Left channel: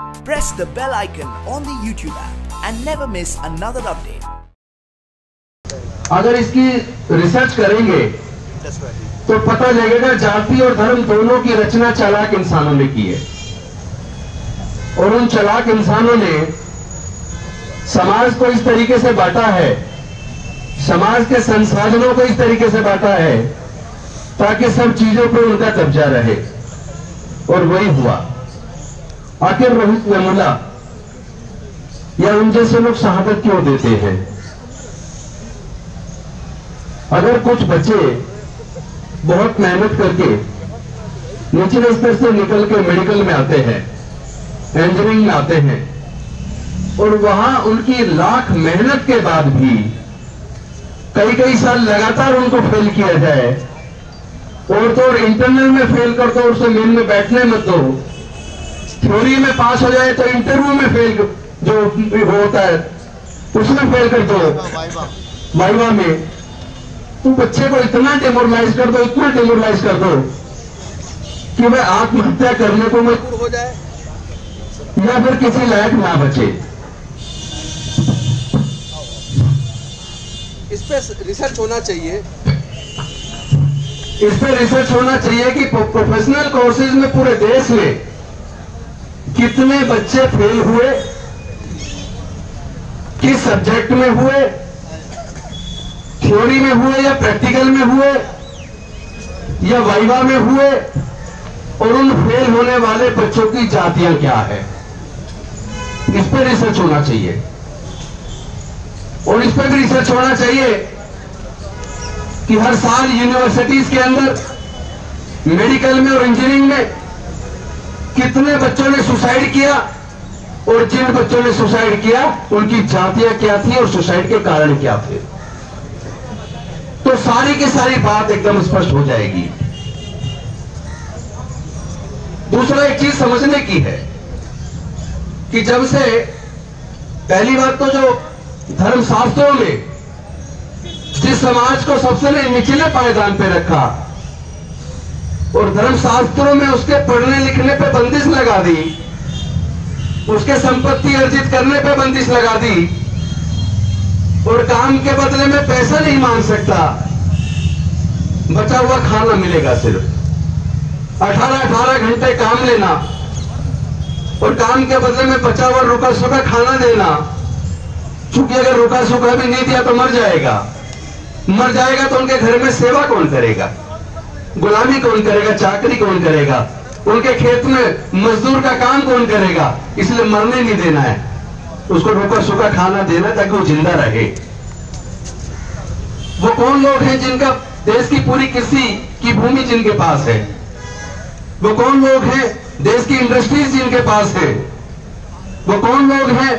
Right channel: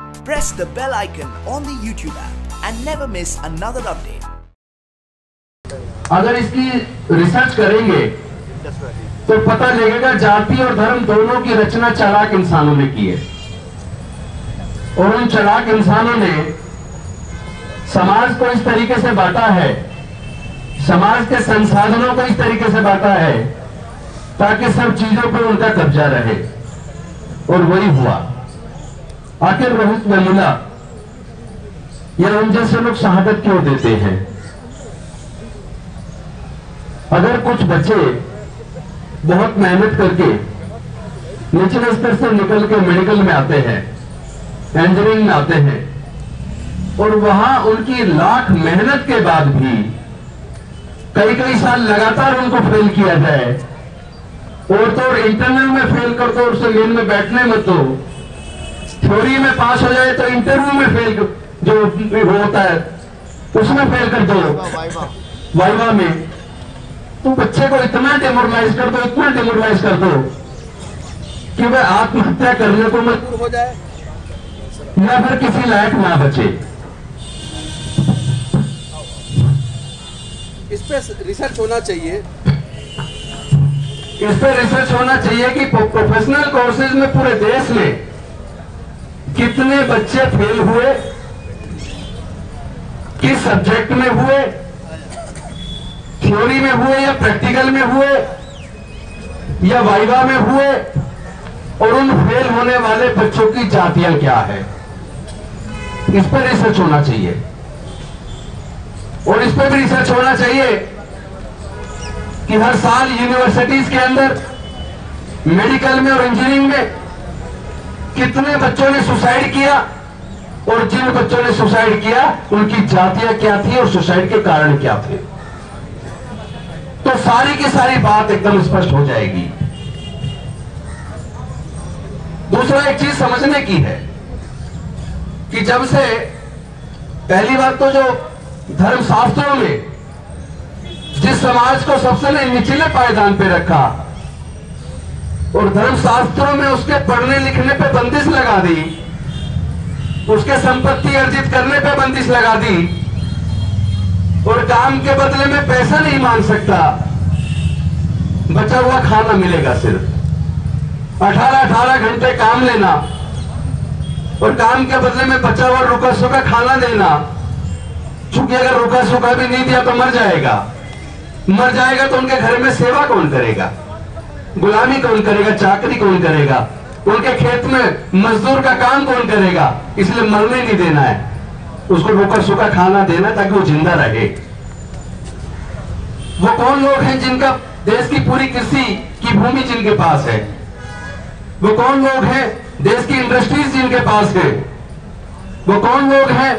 Press the bell icon on the YouTube app and never miss another update. अगर इसकी research करेंगे तो पता लगेगा जाति और धर्म दोनों की रचना चालाक इंसानों ने की है, और उन चालाक इंसानों ने समाज को इस तरीके से बांटा है, समाज के संसाधनों को इस तरीके से बांटा है ताकि सब चीजों पर उनका कब्जा रहे, और वही हुआ। आखिर रोहित वेमुला या उन जैसे लोग शहादत क्यों देते हैं? अगर कुछ बच्चे बहुत मेहनत करके निचले स्तर से निकल के मेडिकल में आते हैं, इंजीनियरिंग में आते हैं, और वहां उनकी लाख मेहनत के बाद भी कई कई साल लगातार उनको फेल किया जाए, और तो इंटरनल में फेल कर दो, उसे मेन में बैठने मत दो, थ्योरी में पास हो जाए तो इंटरव्यू में फेल जो होता है उसमें फेल कर दो, वाइवा में, तो बच्चे को इतना डेमोरलाइज कर दो, इतना डेमोरलाइज कर दो कि वह आत्महत्या करने को मजबूर हो जाए या फिर किसी लायक ना बचे। इस पे रिसर्च होना चाहिए, इस पे रिसर्च होना चाहिए कि प्रोफेशनल कोर्सेज में पूरे देश में कितने बच्चे फेल हुए, किस सब्जेक्ट में हुए, थ्योरी में हुए या प्रैक्टिकल में हुए या वाइवा में हुए, और उन फेल होने वाले बच्चों की जातियां क्या है, इस पर रिसर्च होना चाहिए। और इस पर भी रिसर्च होना चाहिए कि हर साल यूनिवर्सिटीज के अंदर मेडिकल में और इंजीनियरिंग में कितने बच्चों ने सुसाइड किया, और जिन बच्चों ने सुसाइड किया उनकी जातियां क्या थी और सुसाइड के कारण क्या थे, तो सारी की सारी बात एकदम स्पष्ट हो जाएगी। दूसरा एक चीज समझने की है कि जब से पहली बात तो जो धर्मशास्त्रों ने जिस समाज को सबसे निचले पायदान पे रखा और धर्मशास्त्रों में उसके पढ़ने लिखने पे बंदिश लगा दी, उसके संपत्ति अर्जित करने पे बंदिश लगा दी, और काम के बदले में पैसा नहीं मांग सकता, बचा हुआ खाना मिलेगा, सिर्फ 18 घंटे काम लेना और काम के बदले में बचा हुआ रुका सुखा खाना देना, क्योंकि अगर रुका सुखा भी नहीं दिया तो मर जाएगा तो उनके घर में सेवा कौन करेगा, गुलामी कौन करेगा, चाकरी कौन करेगा, उनके खेत में मजदूर का काम कौन करेगा। इसलिए मरने नहीं देना है, उसको रुका सुखा खाना देना ताकि वो जिंदा रहे। वो कौन लोग हैं जिनका देश की पूरी कृषि की भूमि जिनके पास है, वो कौन लोग हैं देश की इंडस्ट्रीज जिनके पास है, वो कौन लोग हैं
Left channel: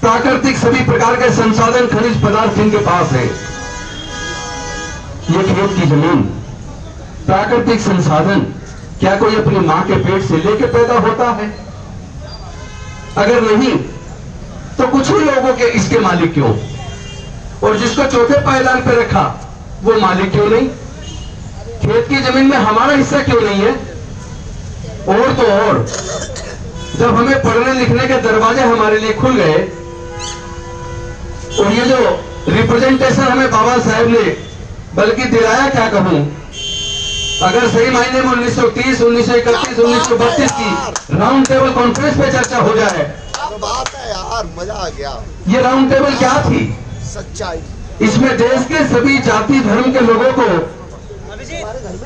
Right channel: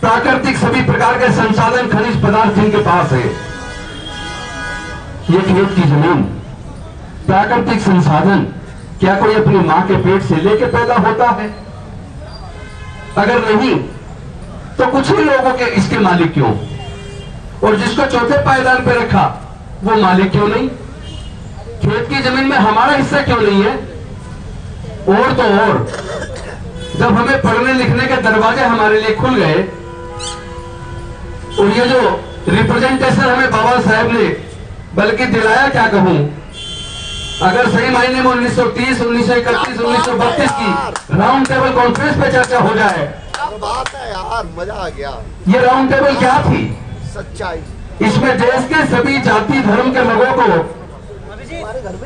प्राकृतिक सभी प्रकार के संसाधन खनिज पदार्थ जिनके पास है। ये खेत की जमीन, प्राकृतिक संसाधन, क्या कोई अपनी मां के पेट से लेके पैदा होता है? अगर नहीं तो कुछ ही लोगों के इसके मालिक क्यों, और जिसको चौथे पायदान पे रखा वो मालिक क्यों नहीं? खेत की जमीन में हमारा हिस्सा क्यों नहीं है? और तो और जब हमें पढ़ने लिखने के दरवाजे हमारे लिए खुल गए, और ये जो रिप्रेजेंटेशन हमें बाबा साहब ने बल्कि दिलाया, क्या कहूं, अगर सही मायने में 1930, 1931, 1932 की राउंड टेबल कॉन्फ्रेंस पे चर्चा हो जाए, बात है यार, मजा आ गया। ये राउंड टेबल क्या थी? सच्चाई। इसमें देश के सभी जाति धर्म के लोगों को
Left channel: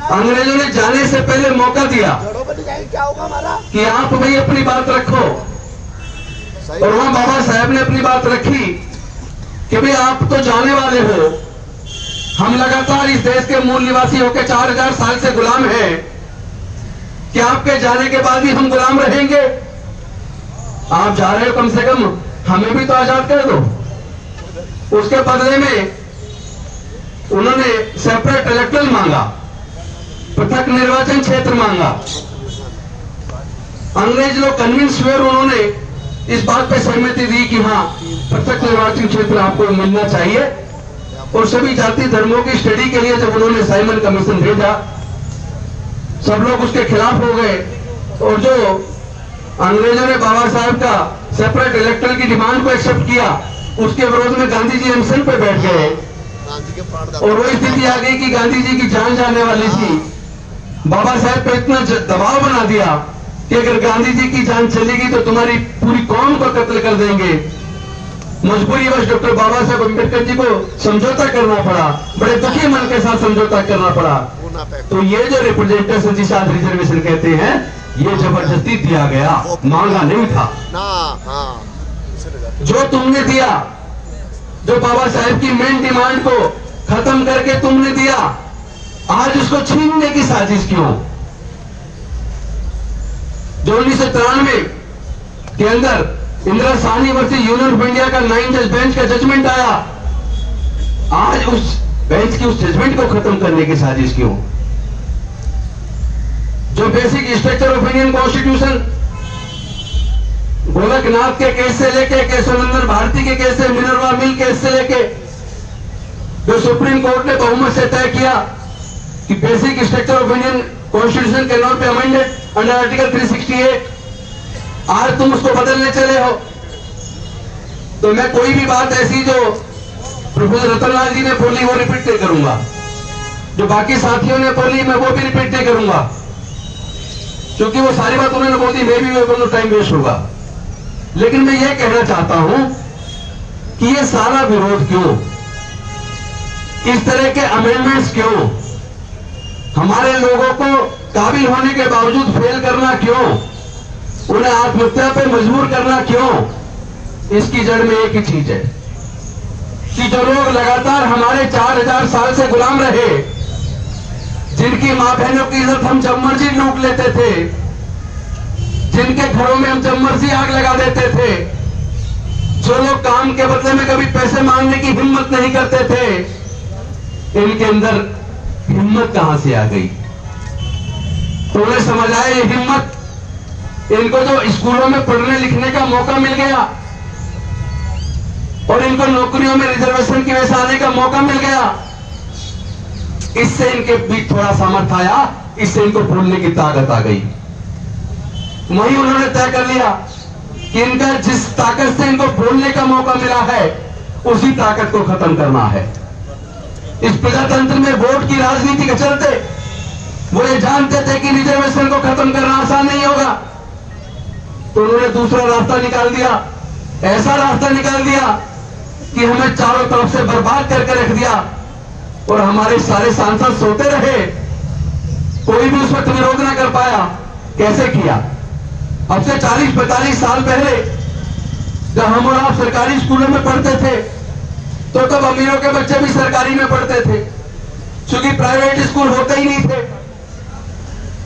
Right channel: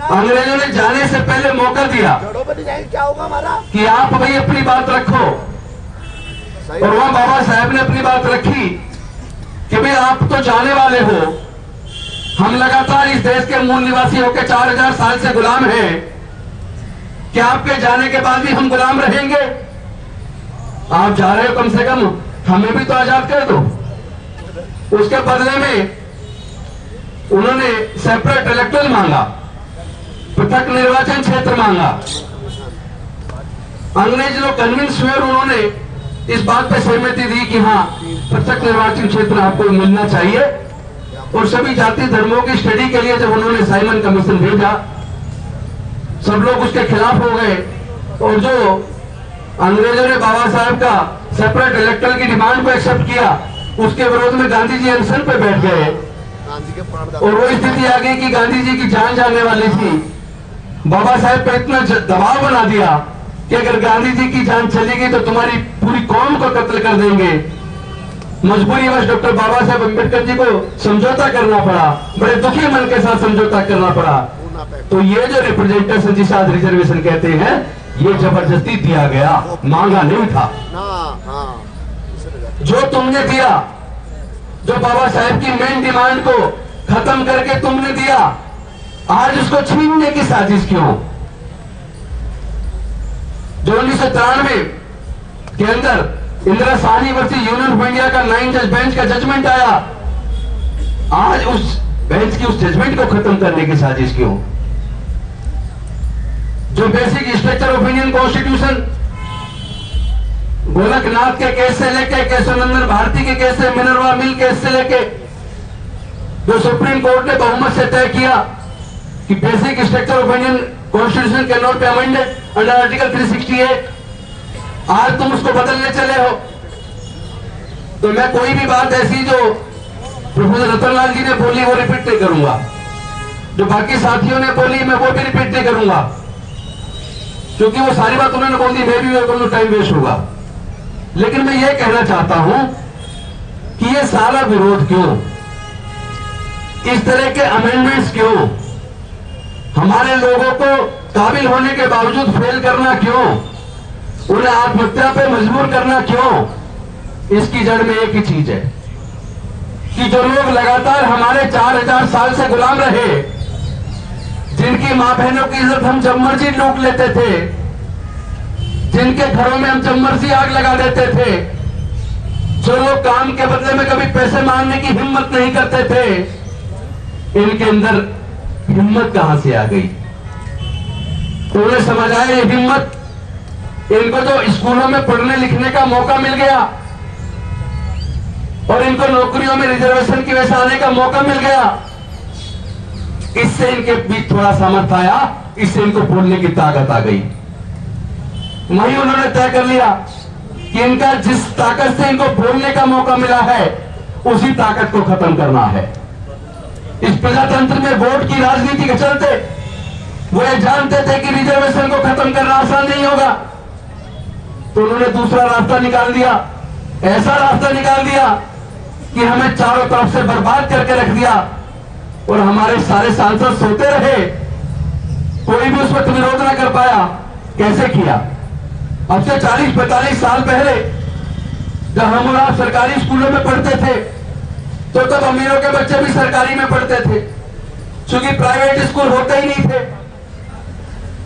अंग्रेजों ने जाने से पहले मौका दिया क्या होगा हमारा कि आप भाई अपनी बात रखो, और वहां बाबा साहब ने अपनी बात रखी कि भाई आप तो जाने वाले हो, हम लगातार इस देश के मूल निवासी होकर 4000 साल से गुलाम हैं, क्या आपके जाने के बाद भी हम गुलाम रहेंगे? आप जा रहे हो, कम से कम हमें भी तो आजाद कर दो। उसके बदले में उन्होंने सेपरेट इलेक्टोरल मांगा, पृथक निर्वाचन क्षेत्र मांगा। अंग्रेज लोग कन्विंस हुए, उन्होंने इस बात पे सहमति दी कि हाँ पृथक निर्वाचन क्षेत्र आपको मिलना चाहिए, और सभी जाति धर्मों की स्टडी के लिए जब उन्होंने साइमन कमीशन भेजा, सब लोग उसके खिलाफ हो गए, और जो अंग्रेजों ने बाबा साहब का सेपरेट इलेक्टर की डिमांड को एक्सेप्ट किया, उसके विरोध में गांधी जी अनशन पे बैठ गए गांधी के और वो स्थिति आ गई कि गांधी जी की जान जाने वाली थी। बाबा साहब पे इतना दबाव बना दिया कि अगर गांधी जी की जान चलेगी तो तुम्हारी पूरी कौम को कत्ल कर देंगे। मजबूरी बस डॉक्टर बाबा साहब अम्बेडकर जी को समझौता करना पड़ा, बड़े दुखी मन के साथ समझौता करना पड़ा। तो ये जो रिप्रेजेंटेशन जिसे आज रिजर्वेशन कहते हैं, ये जबरदस्ती दिया गया, मांगा नहीं था। जो तुमने दिया, जो बाबा साहब की मेन डिमांड को खत्म करके तुमने दिया, आज उसको छीनने की साजिश क्यों? जो 1993 के अंदर Indira Sahni versus union of India का 9 जज बेंच का जजमेंट आया, आज उस बेंच की उस जजमेंट को खत्म करने की साजिश क्यों? जो basic structure of Indian constitution, Gorakhnath के केस से लेके केशवनंदन भारती के केस से, मिनरवा मिल केस से लेके, जो सुप्रीम कोर्ट ने बहुमत से तय किया कि basic structure of Indian constitution can not be amended under article 368, आज तुम उसको बदलने चले हो। तो मैं कोई भी बात ऐसी जो प्रोफेसर रतनलाल जी ने बोली वो रिपीट नहीं करूंगा, जो बाकी साथियों ने बोली मैं वो भी रिपीट नहीं करूंगा, क्योंकि वो सारी बात उन्होंने बोली, मैं भी बोलूं टाइम वेस्ट होगा। लेकिन मैं ये कहना चाहता हूं कि ये सारा विरोध क्यों, इस तरह के अमेंडमेंट्स क्यों, हमारे लोगों को काबिल होने के बावजूद फेल करना क्यों, उन्हें आत्महत्या पे मजबूर करना क्यों? इसकी जड़ में एक ही चीज है कि जो लोग लगातार हमारे 4000 साल से गुलाम रहे, जिनकी मां बहनों की इज्जत हम जब मर्जी लूट लेते थे, जिनके घरों में हम जब मर्जी आग लगा देते थे, जो लोग काम के बदले में कभी पैसे मांगने की हिम्मत नहीं करते थे, इनके अंदर हिम्मत कहां से आ गई? तो उन्हें समझ आया ये हिम्मत, इनको जो स्कूलों में पढ़ने लिखने का मौका मिल गया और इनको नौकरियों में रिजर्वेशन की वजह से आने का मौका मिल गया, इससे इनके बीच थोड़ा सामर्थ्य आया, इससे इनको बोलने की ताकत आ गई। वही उन्होंने तय कर लिया कि इनका जिस ताकत से इनको बोलने का मौका मिला है, उसी ताकत को खत्म करना है। इस प्रजातंत्र में वोट की राजनीति के चलते वो ये जानते थे कि रिजर्वेशन को खत्म करना आसान नहीं होगा, तो उन्होंने दूसरा रास्ता निकाल दिया, ऐसा रास्ता निकाल दिया कि हमें चारों तरफ से बर्बाद करके रख दिया और हमारे सारे सांसद सोते रहे, कोई भी उस वक्त विरोध न कर पाया। कैसे किया? अब से 40-45 साल पहले जब हम और आप सरकारी स्कूलों में पढ़ते थे, तो तब अमीरों के बच्चे भी सरकारी में पढ़ते थे, क्योंकि प्राइवेट स्कूल होते ही नहीं थे।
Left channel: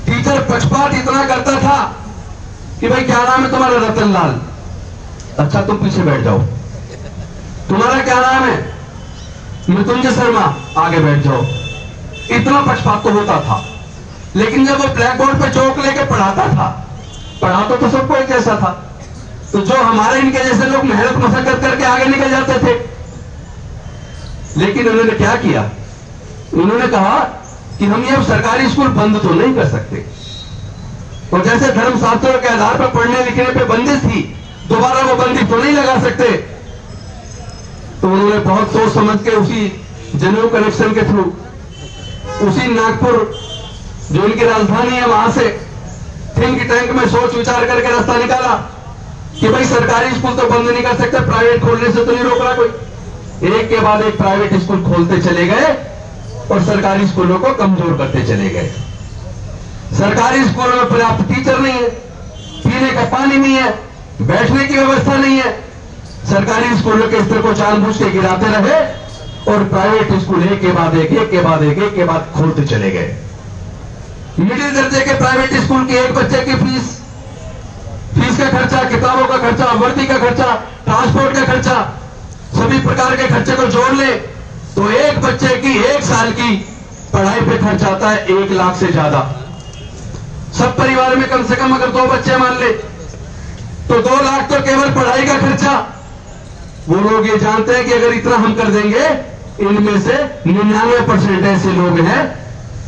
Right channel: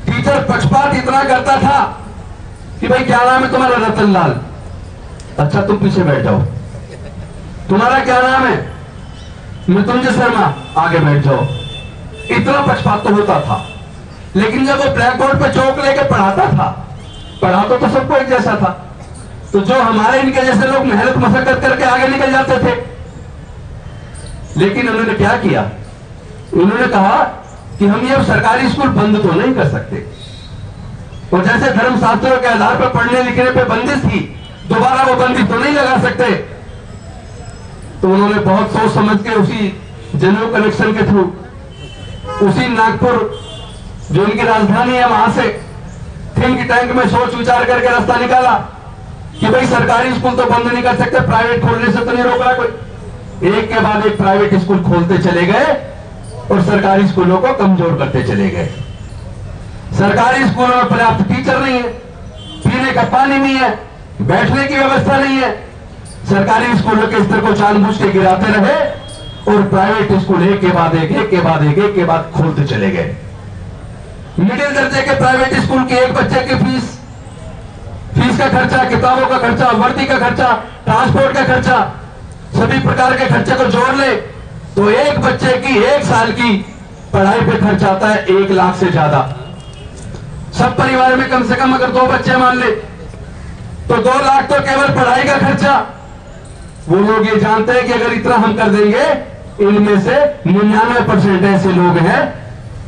टीचर पक्षपात इतना करता था कि भाई क्या नाम है तुम्हारा? रतनलाल। अच्छा तुम पीछे बैठ जाओ। तुम्हारा क्या नाम है? मृत्युंजय शर्मा। आगे बैठ जाओ। इतना पक्षपात तो होता था, लेकिन जब वो ब्लैक बोर्ड पे चौक लेके पढ़ाता था, पढ़ाता तो सबको एक जैसा था, तो जो हमारे इनके जैसे लोग मेहनत मशक्कत करके आगे निकल जाते थे। लेकिन उन्होंने क्या किया? उन्होंने कहा कि हम ये सरकारी स्कूल बंद तो नहीं कर सकते, और जैसे धर्मशास्त्रों के आधार पर पढ़ने लिखने पे बंदिश थी, दोबारा वो बंदिश तो नहीं लगा सकते। तो उन्होंने बहुत सोच समझ के उसी जनरल कलेक्शन के थ्रू, उसी नागपुर जो उनकी राजधानी है, वहां से थिंक टैंक में सोच विचार करके रास्ता निकाला कि भाई सरकारी स्कूल तो बंद नहीं कर सकते, प्राइवेट खोलने से तो नहीं रोक रहा कोई। एक के बाद एक प्राइवेट स्कूल खोलते चले गए और सरकारी स्कूलों को कमजोर करते चले गए। सरकारी स्कूलों में पर्याप्त टीचर नहीं है, पीने का पानी नहीं है, बैठने की व्यवस्था नहीं है। सरकारी स्कूलों के स्तर को जानबूझ के गिराते रहे और प्राइवेट स्कूल एक के बाद एक के बाद खोलते चले गए। मिडिल दर्जे के प्राइवेट स्कूल के एक बच्चे की फीस का खर्चा, किताबों का खर्चा, वर्दी का खर्चा, ट्रांसपोर्ट का खर्चा, सभी प्रकार के खर्चे को जोड़ ले तो एक बच्चे की एक साल की पढ़ाई पे खर्च आता है 1 लाख से ज्यादा। सब परिवार में कम से कम अगर 2 बच्चे मान ले तो 2 लाख तो केवल पढ़ाई का खर्चा। वो लोग ये जानते हैं कि अगर इतना हम कर देंगे, इनमें से 99% ऐसे लोग हैं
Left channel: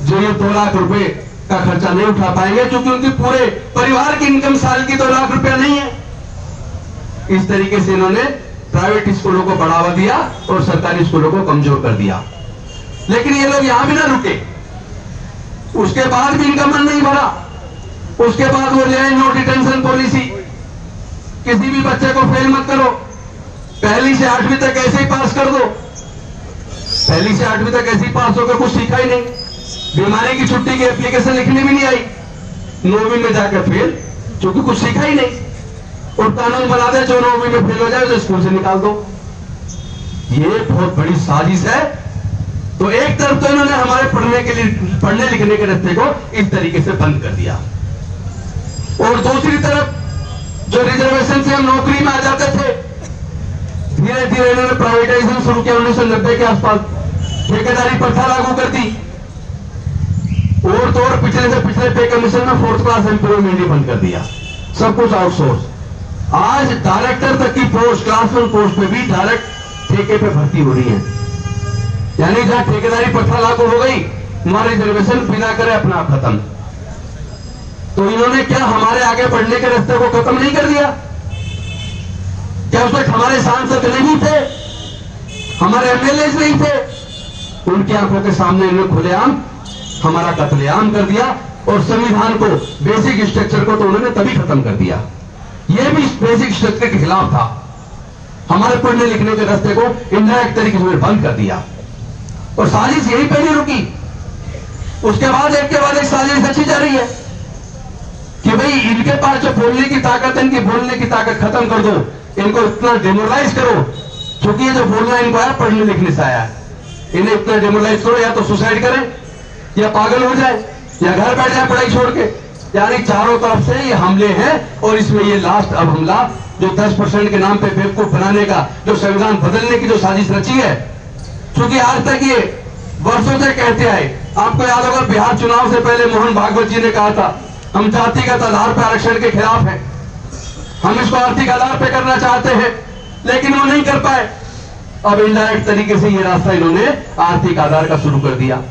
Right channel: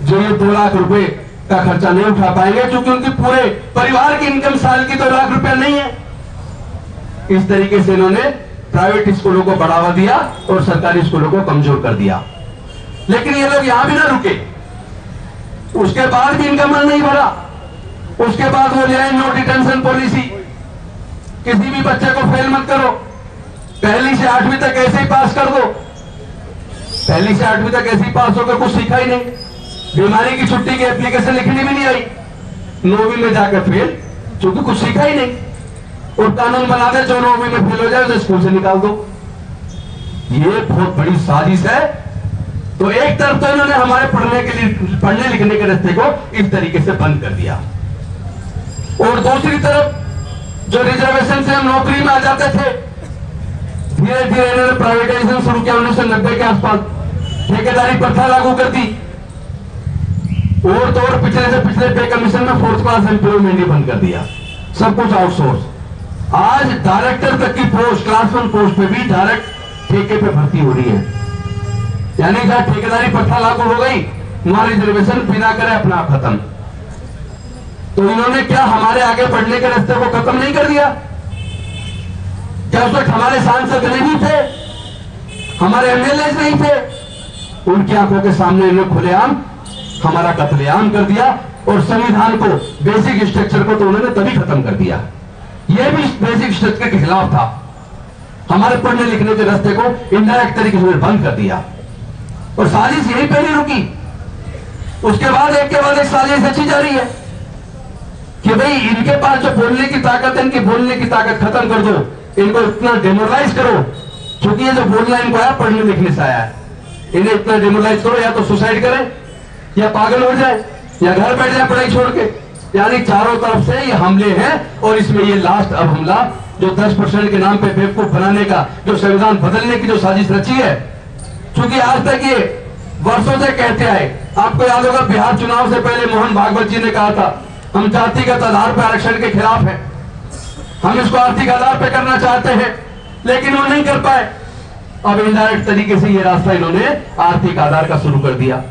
जो ये 2 लाख रुपए का खर्चा नहीं उठा पाएंगे, क्योंकि उनकी पूरे परिवार की इनकम साल की 2 लाख रुपया नहीं है। इस तरीके से इन्होंने प्राइवेट स्कूलों को बढ़ावा दिया और सरकारी स्कूलों को कमजोर कर दिया। लेकिन ये लोग यहां भी ना रुके, उसके बाद भी इनका मन नहीं भरा। उसके बाद वो ले आए नो डिटेंशन पॉलिसी, किसी भी बच्चे को फेल मत करो, 1ली से 8वीं तक ऐसे ही पास कर दो। 1ली से 8वीं तक ऐसे ही पास होकर कुछ सीखा ही नहीं, बीमारी की छुट्टी की एप्लीकेशन लिखनी भी नहीं आई, 9वीं में जाकर फेल, क्योंकि कुछ सीखा ही नहीं। और कानून बना दे जो 9वीं में फेल हो जाए तो स्कूल से निकाल दो। ये बहुत बड़ी साजिश है। तो एक तरफ तो इन्होंने हमारे पढ़ने लिखने के रास्ते को इस तरीके से बंद कर दिया, और दूसरी तरफ जो रिजर्वेशन से हम नौकरी में आ जाते थे, धीरे धीरे इन्होंने प्राइवेटाइजेशन शुरू किया। 1990 के आसपास ठेकेदारी प्रथा लागू कर दी, और तो और पिछले से पिछले पे कमीशन में 4th क्लास एम्प्लॉयमेंट ही बंद कर दिया, सब कुछ आउटसोर्स। आज डायरेक्टर तक की पोस्ट, क्लास 1 पोस्ट पे भी डायरेक्ट ठेके पे भर्ती हो रही है। यानी जहां ठेकेदारी प्रथा लागू हो गई, वहां रिजर्वेशन बिना करे अपने आप खत्म। तो इन्होंने क्या हमारे आगे बढ़ने के रास्ते को खत्म नहीं कर दिया? क्या उस वक्त हमारे सांसद नहीं थे, हमारे एमएलए नहीं थे? उनकी आंखों के सामने इन्होंने खुलेआम हमारा कत्लेआम कर दिया, और संविधान को, बेसिक स्ट्रक्चर को तो उन्होंने तभी खत्म कर दिया। यह भी बेसिक स्ट्रक्चर के खिलाफ था। हमारे पढ़ने लिखने के रास्ते को इनडायरेक्ट तरीके से बंद कर दिया, और साजिश यही पहले रुकी। उसके बाद एक के बाद एक साजिश अच्छी जा रही है कि भाई इनके पास जो बोलने की ताकत है, इनकी बोलने की ताकत खत्म कर दो, इनको इतना डेमोरलाइज करो, क्योंकि ये जो बोलना है इनको आया पढ़ने लिखने से आया है, इन्हें इतना डेमोरलाइज करो, या तो सुसाइड करें, या पागल हो जाए, या घर बैठ जाए पढ़ाई छोड़ के। यानी चारों तरफ से ये हमले हैं, और इसमें ये लास्ट अब हमला जो 10% के नाम पे बेवकूफ बनाने का, जो संविधान बदलने की जो साजिश रची है, क्योंकि आज तक ये वर्षों से कहते आए। आपको याद होगा बिहार चुनाव से पहले मोहन भागवत जी ने कहा था, हम जातिगत आधार पर आरक्षण के खिलाफ हैं, हम इसको आर्थिक आधार पर करना चाहते हैं, लेकिन वो नहीं कर पाए। अब इनडायरेक्ट तरीके से ये रास्ता इन्होंने आर्थिक आधार का शुरू कर दिया।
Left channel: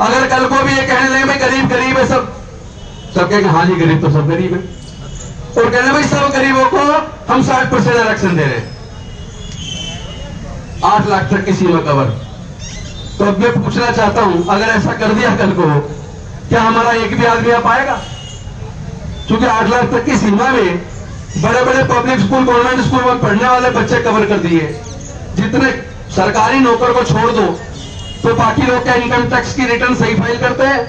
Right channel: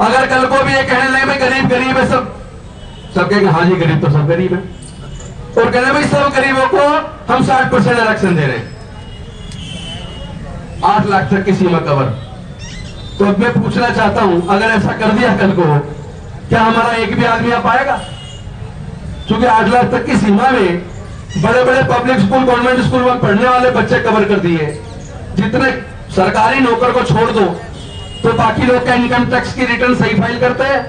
अगर कल को भी ये कहने लगे गरीब गरीब है, सब कहेंगे हाँ जी गरीब तो सब गरीब है, और कहने भाई सब गरीबों को हम 60% आरक्षण दे रहे हैं, 8 लाख तक की सीमा कवर। तो अब मैं पूछना चाहता हूं, अगर ऐसा कर दिया कल को, क्या हमारा एक भी आदमी आ पाएगा? क्योंकि 8 लाख तक की सीमा में बड़े बड़े पब्लिक स्कूल, गवर्नमेंट स्कूल में पढ़ने वाले बच्चे कवर कर दिए। जितने सरकारी नौकर को छोड़ दो, तो बाकी लोग का इनकम टैक्स की रिटर्न सही फाइल करते हैं,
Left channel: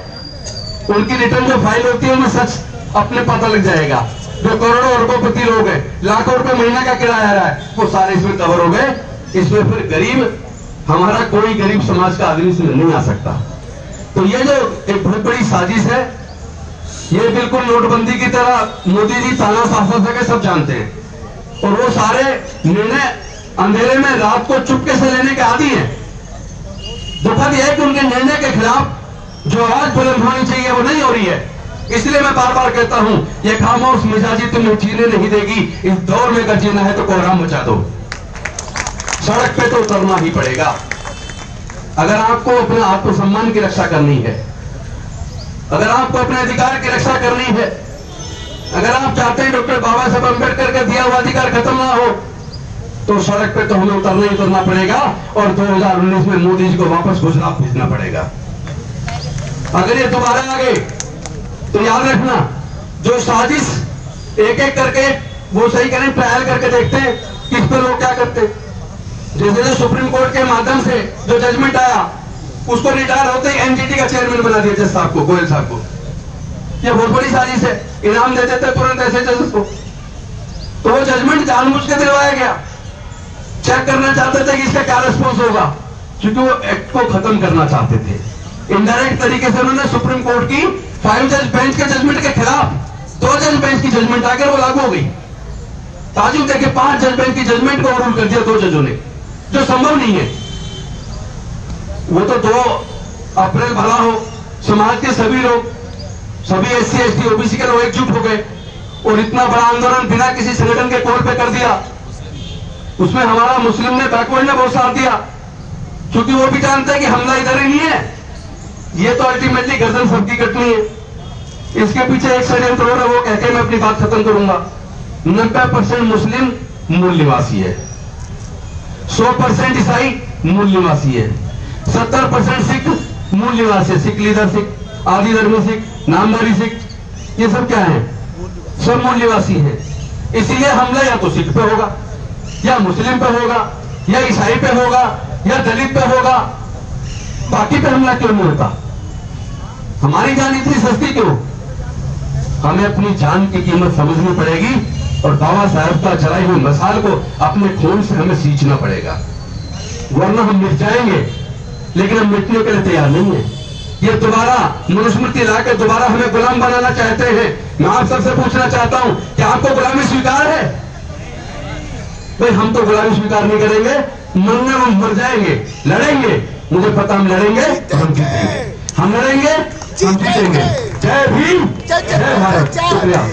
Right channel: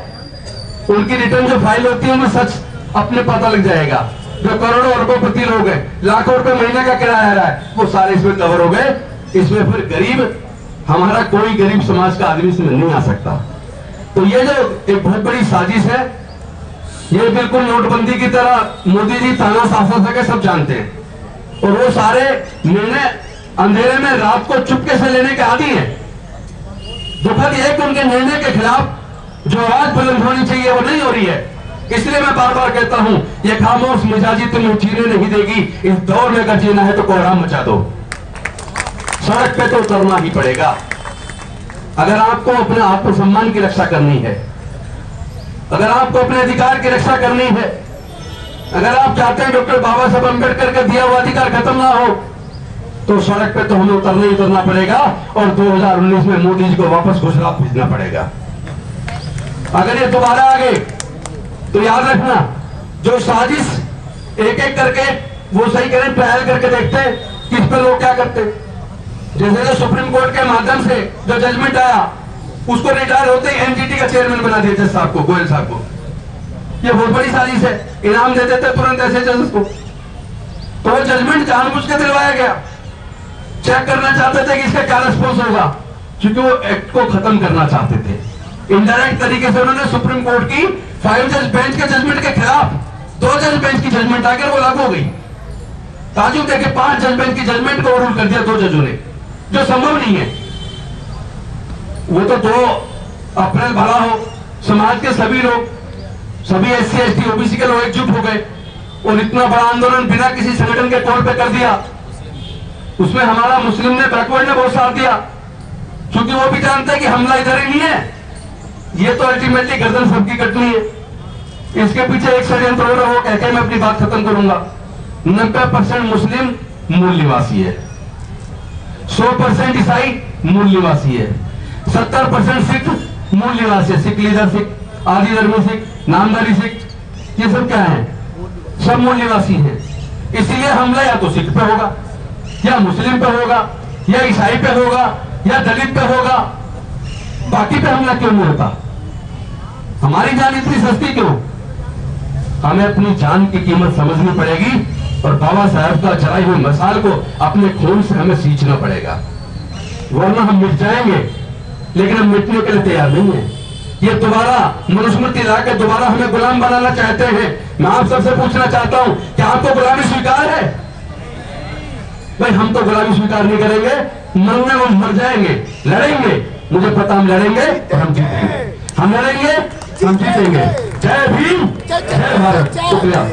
उनकी रिटर्न जो फाइल होती है उनमें सच अपने पता लग जाएगा। जो करोड़ों अरबोपति लोग हैं, लाखों रुपए महीने का किराया आ रहा है, वो सारे इसमें कवर हो गए। इसमें फिर गरीब, हमारा कोई गरीब समाज का आदमी इसमें नहीं आ सकता। तो ये जो एक बहुत बड़ी साजिश है, ये बिल्कुल नोटबंदी की तरह मोदी जी ताना शासन के सब जानते हैं, और वो सारे निर्णय अंधेरे में रात को चुपके से लेने के आदी हैं। दुखद यह है कि उनके निर्णय के खिलाफ जो आवाज बुलंद होनी चाहिए वो नहीं हो रही है। इसलिए मैं बार बार कहता हूं, ये खामोश मिजाजी तुम्हें जीने नहीं देगी। इस दौर में अगर जीना है तो कोहराम मचा दो, सड़क पे तो उतरना ही पड़ेगा। अगर आपको अपने आत्मसम्मान की रक्षा करनी है, अगर आपको अपने अधिकार की रक्षा करनी है, अगर आप चाहते हैं डॉक्टर बाबा साहब अम्बेडकर का दिया हुआ अधिकार खत्म ना हो, तो सड़क पे तो हमें उतरना ही उतरना पड़ेगा, और 2019 में मोदी जी को वापस गुजरात भेजना पड़ेगा। अगर ये दोबारा आ गए तो याद रखना, जो साजिश एक एक करके वो सही करें, ट्रायल करके देखते हैं कि इस पर लोग क्या करते। जैसे जो सुप्रीम कोर्ट के माध्यम से जो जजमेंट आया, उसको रिटायर होते ही एनजीटी का चेयरमैन बना दिया जज साहब को, गोयल साहब को। ये बहुत बड़ी साजिश है, इनाम दे देते तुरंत ऐसे जज को। तो वो जजमेंट जानबूझ के दिलवाया गया, चेक करना चाहते थे कि इसका क्या रिस्पॉन्स होगा, क्योंकि वो एक्ट को खत्म करना चाहते थे। इनडायरेक्ट तरीके से उन्होंने सुप्रीम कोर्ट की 5 जज बेंच के जजमेंट के खिलाफ 2 जज बेंच की जजमेंट आकर वो लागू हो गई। ताजुब देखे, 5 जज बेंच की जजमेंट को ओवररूल कर दिया 2 जजों ने, जो संभव नहीं है। वो तो 2 अप्रैल भला हो, समाज के सभी लोग, सभी SC ST OBC के लोग एकजुट हो गए और इतना बड़ा आंदोलन बिना किसी संगठन के तौर पे कर दिया। उसमें हमारा मुस्लिम ने, बैकवर्ड ने बहुत साथ दिया, क्योंकि वो भी जानते हैं कि हमला इधर ही नहीं है, ये तो अल्टीमेटली गर्दन सबकी कटनी है। इसके पीछे एक षड्यंत्र हो रहा है, वो कहकर मैं अपनी बात खत्म करूंगा। 90% मुस्लिम मूल निवासी है, 100% ईसाई मूल निवासी है, 70% सिख मूल निवासी है। सिख लीडर सिख, आदि धर्मी सिख, नामधारी सिख, ये सब क्या है? सब मूल निवासी है। इसीलिए हमला या तो सिख पे होगा, या मुस्लिम पे होगा, या ईसाई पे होगा, या दलित पे होगा, बाकी पे हमला क्यों नहीं होता? हमारी जान इतनी सस्ती क्यों? हमें अपनी जान की कीमत समझनी पड़ेगी और बाबा साहब का जलाई हुई मिसाल को अपने खून से हमें सींचना पड़ेगा, वरना हम मिट जाएंगे। लेकिन हम मिटने के लिए तैयार नहीं है। ये दोबारा मनुस्मृति लाकर दोबारा हमें गुलाम बनाना चाहते हैं। मैं आप सबसे पूछना चाहता हूं, क्या आपको गुलामी स्वीकार है? भाई हम तो गुलामी स्वीकार नहीं करेंगे, मरने को मर जाएंगे, लड़ेंगे, मुझे पता हम लड़ेंगे और हम जीतेंगे, हम लड़ेंगे हम जीतेंगे। जय भीम, जय भारत। शुक्रिया।